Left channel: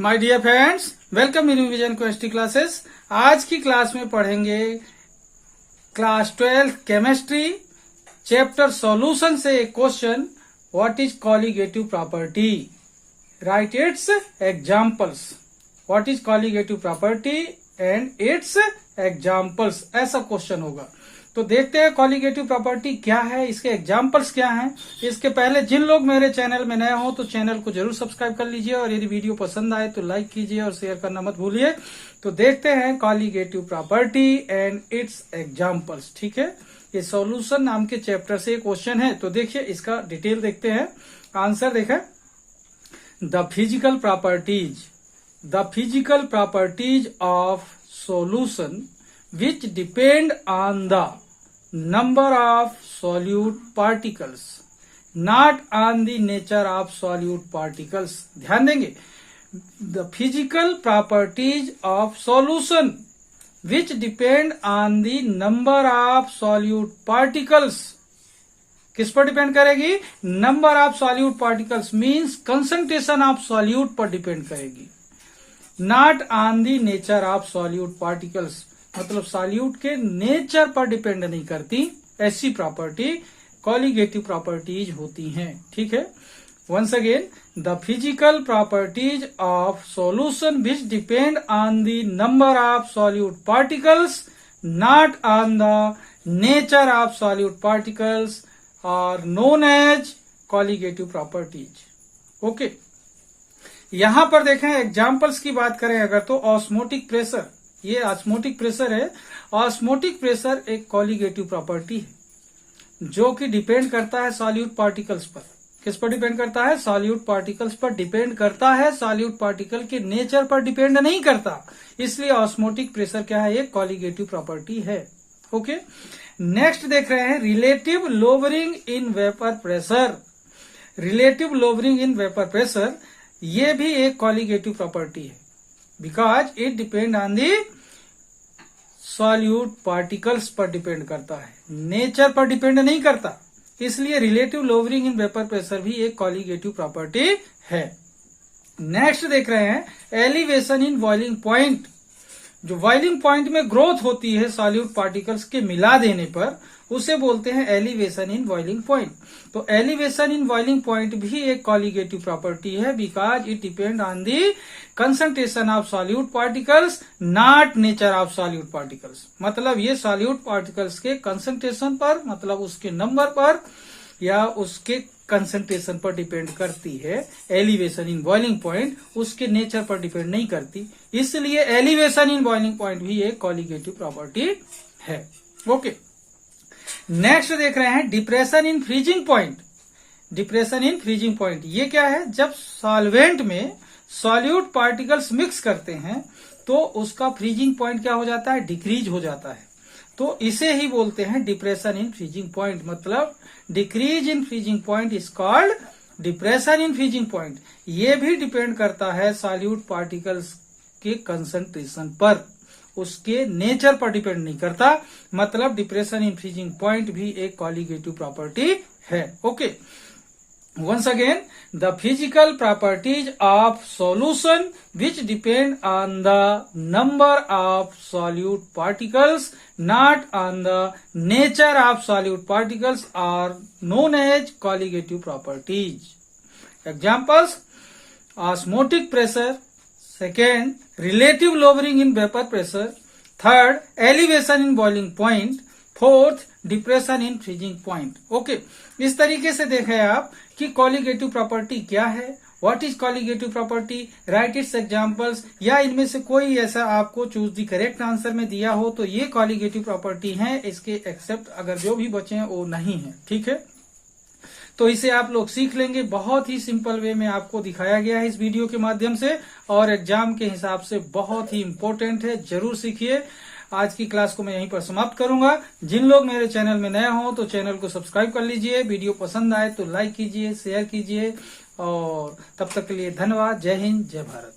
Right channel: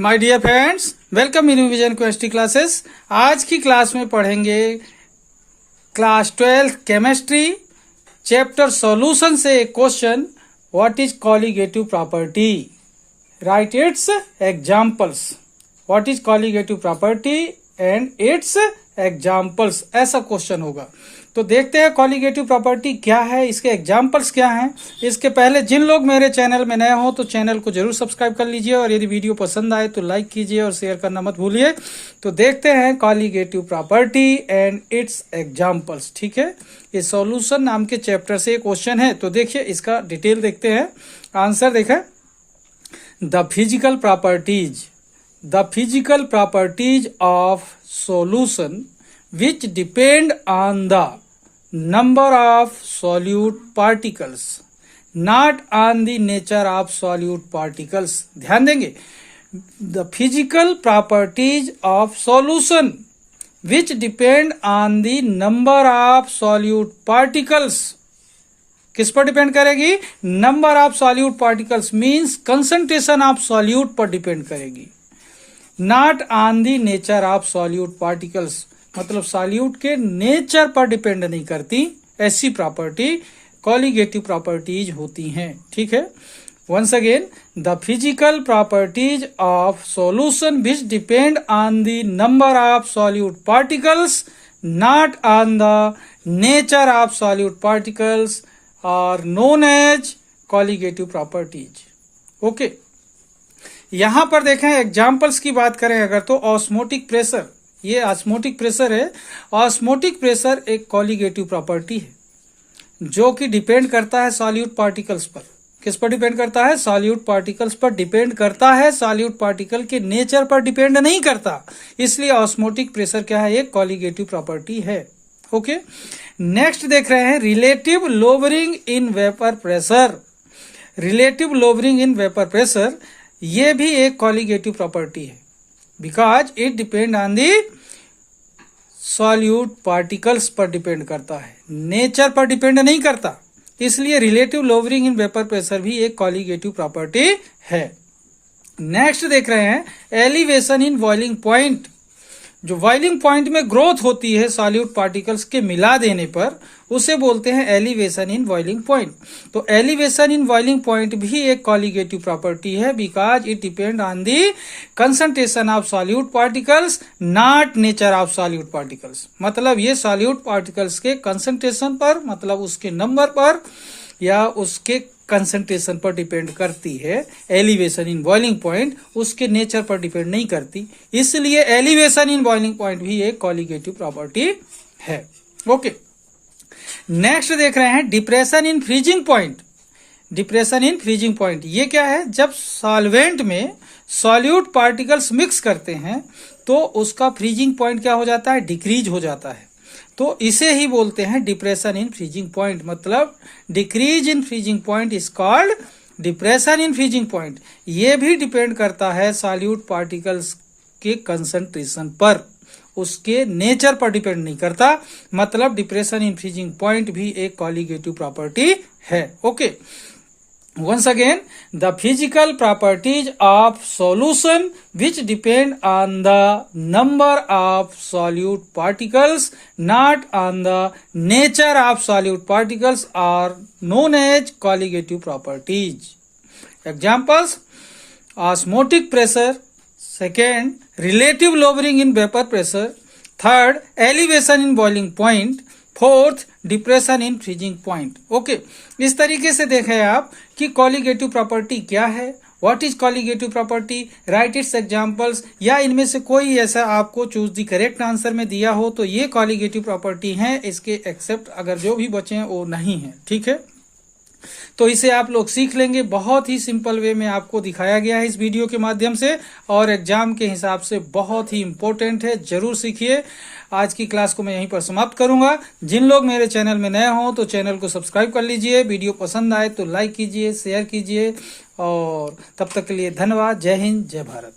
My dear friends, welcome in vision chemistry classes. आज की class में पढ़ेंगे क्लास 12 केमिस्ट्री चैप्टर सॉल्यूशन से एक question, what is colligative property, right it's examples. What is colligative property and it's examples, ऐसा question होगा। तो देखते हैं कॉलिगेटिव प्रॉपर्टी क्या है, इसके एग्जांपल्स क्या हैं। इसके पहले जिन लोग मेरे चैनल में नए हो तो चैनल को जरूर सब्सक्राइब कर लीजिए और यदि वीडियो पसंद आए तो लाइक कीजिए और शेयर करना मत भूलिए। तो देखते हैं colligative property and it's examples. ठीक है, ये सॉल्यूशन नाम के चैप्टर से क्वेश्चन है। तो देखिए इसका डिटेल देखते हैं। आंसर देखें, the physical properties of solution which depend on the number of solute particles, not on the nature of solute particles। ध्यान देंगे, the physical properties of solution which depend on the number of solute particles, किस पर depend करेगी? Number of solute particles means concentration of solute पर depend करेगी, not on the nature of solute particles, मतलब solute के nature पर depend नहीं करती। ऐसी प्रॉपर्टी कॉलिगेटिव प्रॉपर्टीज होती हैं। ठीक है, once again, the physical properties of solution which depend on the number of solute particles, not on the nature of solute particles are known as colligative properties. Okay, यहां पर देखें examples की बात करें अगर, तो ऑस्मोटिक प्रेशर, ये osmotic pressure है। ऑस्मोटिक प्रेशर एक कॉलिगेटिव प्रॉपर्टी है जो कि डिपेंड करता है सॉल्यूट पार्टिकल्स पर। किस पर डिपेंड करता है? सॉल्यूट पार्टिकल्स पर डिपेंड करता है, सॉल्यूट पार्टिकल के नेचर पर डिपेंड नहीं करता। इसलिए ऑस्मोटिक प्रेशर क्या है? एक कॉलिगेटिव प्रॉपर्टी है। ओके, नेक्स्ट देख रहे हैं relative lowering in vapour pressure. Relative lowering in vapour pressure ये भी एक कॉलिगेटिव प्रॉपर्टी है, because it depend on the solute particles पर डिपेंड करता है, नेचर पर डिपेंड नहीं करता। इसलिए relative lowering in vapour pressure भी एक कॉलिगेटिव प्रॉपर्टी है। नेक्स्ट देख रहे हैं एलिवेशन इन बॉइलिंग पॉइंट। जो बॉइलिंग पॉइंट में ग्रोथ होती है सॉल्यूट पार्टिकल्स के मिला देने पर, उसे बोलते हैं एलिवेशन इन बॉइलिंग पॉइंट। तो एलिवेशन इन बॉइलिंग पॉइंट भी एक कॉलिगेटिव प्रॉपर्टी है, because it depend on the concentration of solute particles, not nature of solute particles. मतलब ये सॉल्यूट पार्टिकल्स के कंसंट्रेशन पर, मतलब उसके नंबर पर या उसके कंसंट्रेशन पर डिपेंड करती है। एलिवेशन इन बॉइलिंग पॉइंट उसके नेचर पर डिपेंड नहीं करती। इसलिए एलिवेशन इन बॉइलिंग पॉइंट भी एक कॉलिगेटिव प्रॉपर्टी है। ओके, नेक्स्ट देख रहे हैं depression in freezing point. Depression in freezing point ये क्या है? जब सॉल्वेंट में सॉल्यूट पार्टिकल्स मिक्स करते हैं तो उसका फ्रीजिंग पॉइंट क्या हो जाता है? डिक्रीज हो जाता है। तो इसे ही बोलते हैं डिप्रेशन इन फ्रीजिंग पॉइंट। मतलब decrease in freezing point is called depression in freezing point. ये भी डिपेंड करता है सॉल्यूट पार्टिकल्स के कंसंट्रेशन पर, उसके नेचर पर डिपेंड नहीं करता। मतलब डिप्रेशन इन फ्रीजिंग पॉइंट भी एक कॉलिगेटिव प्रॉपर्टी है। Okay, once again, the physical properties of solution which depend on the number of solute particles, not on the nature of solute particles, are known as colligative properties. Examples: osmotic pressure, second, relative lowering in vapor pressure, third, elevation in boiling point, fourth, depression in freezing point. Okay, इस तरीके से देखें आप कि colligative property क्या है, what is colligative property, right it's examples, या इनमें से कोई ऐसा आपको चूज दी करेक्ट आंसर में दिया हो तो ये कॉलिगेटिव प्रॉपर्टी है। इसके एक्सेप्ट अगर जो भी बचे हैं वो नहीं है। ठीक है, तो इसे आप लोग सीख लेंगे। बहुत ही सिंपल वे में आपको दिखाया गया है इस वीडियो के माध्यम से और एग्जाम के हिसाब से बहुत ही इंपॉर्टेंट है, जरूर सीखिए। आज की क्लास को मैं यहीं पर समाप्त करूंगा। जिन लोग मेरे चैनल में नए हों तो चैनल को सब्सक्राइब कर लीजिए, वीडियो पसंद आए तो लाइक कीजिए, शेयर कीजिए और तब तक के लिए धन्यवाद। जय हिंद, जय भारत।